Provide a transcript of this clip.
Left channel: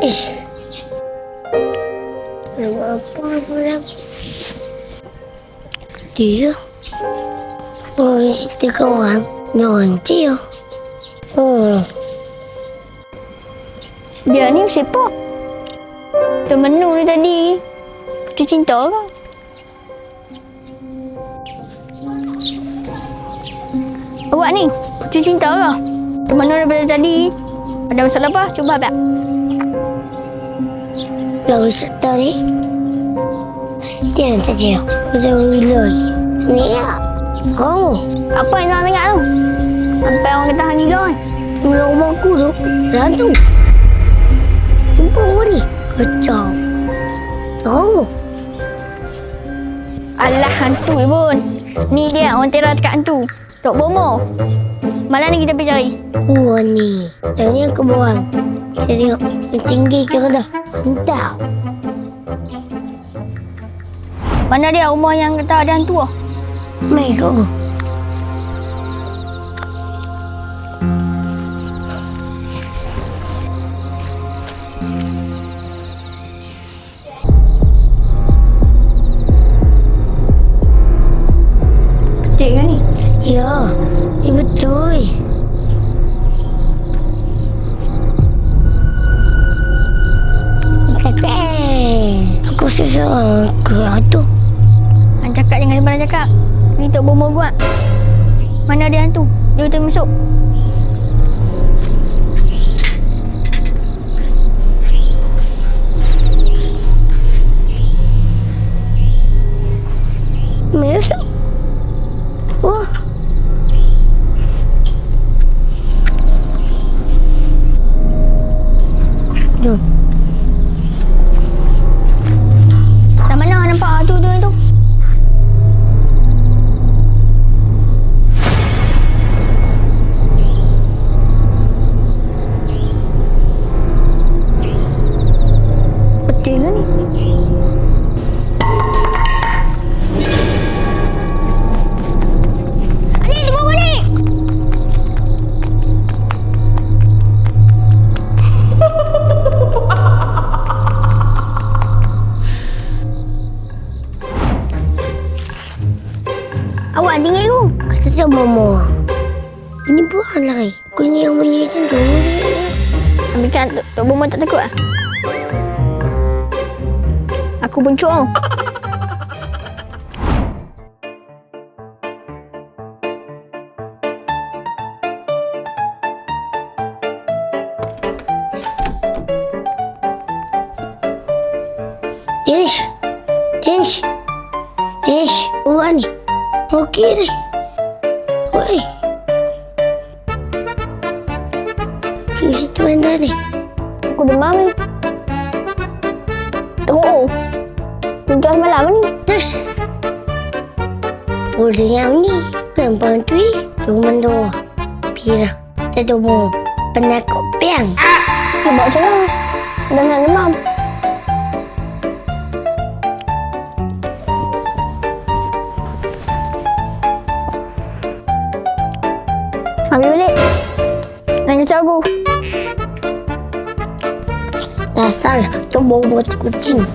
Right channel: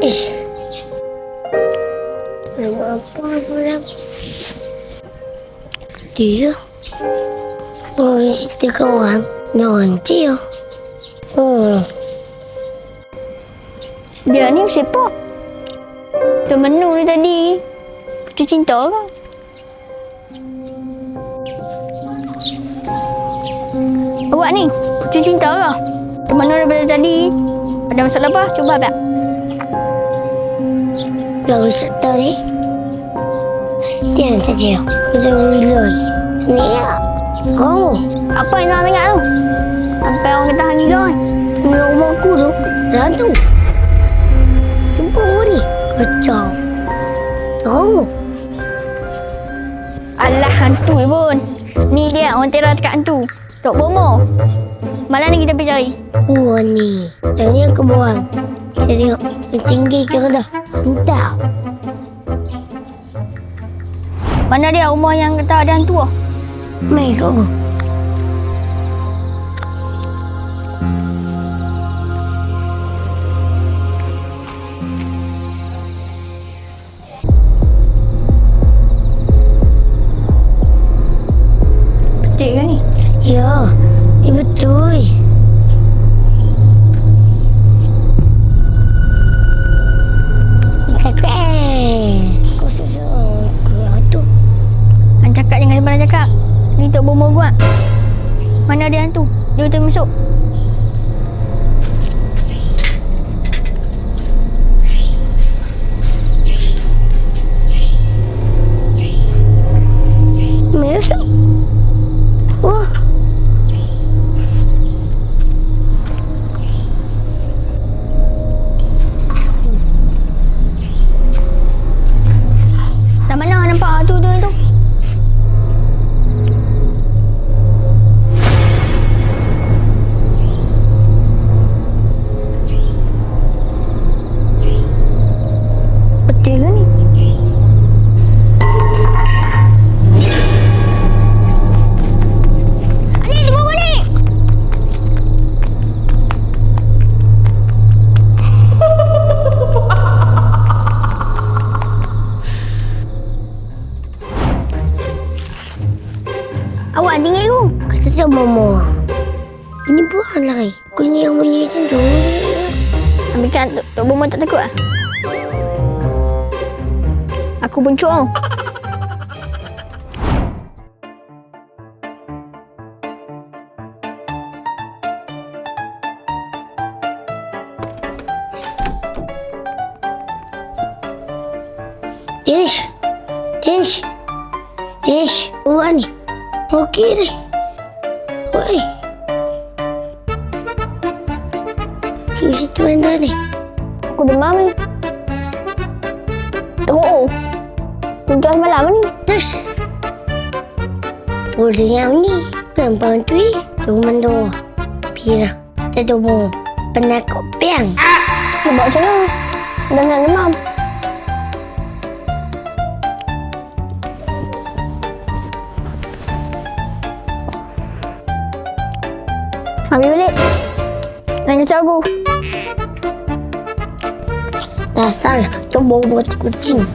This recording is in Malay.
Ish. Nama apa pula? Dia. Oh, tiga orang. Nanti ya. Dia ni siapa? Temen ni tadi. Putri cinta ke? Awak ni, putri cinta ke? Temen ni daripada tadi. Ada masalah apa? Cuba tak? Gak usah tahu ni. Diam saja. Kita mulai. Ni ya. Oh, Apa yang nak tengok tu? Sampai orang kata hang gila kan? ni rumah aku tu. Hantu. Jumpa orang ni. Kacau. Oh, Alah hantu pun. Ni dia orang teror dekat hantu. Tok Bomo. Malam ni kita pergi cari. ni. Yang ni aku buang. Kita tengok. Yang tinggi ke rendah. Entah. Mana dia rumah yang kata ada hantu ah? Mai kau. Betul ke ni? Ya, betul. Aku susah ke hantu. Hang cakap jangan sembarang cakap. Ni Tok Bomo buat. Mana ada hantu? Jom kita masuk. Masuk. Wah. Jom. Tak mana nampak hantu tu? Betul ke ni? Ni, tunggu apa ni? Awak tinggal aku. Kata tak Mama. Ini bukan lagi. Aku ni yang punya macam tu. Ambilkan Tok Bomo tak takut ah? Aku buncuk tau. Dish. Buat ni. Okey ni. Oi. Sini situ anda ni. Aku demam ni. Teruk. Puncak semalam ni. Terus. Boleh yang ni. Gampang tu. Cuma tu. Pira. Kita tu mau penakut piang. Dia buat macam mana? Dah nak demam. Ambil balik. Jangan kacau aku. Dasar tu bau buat kucing.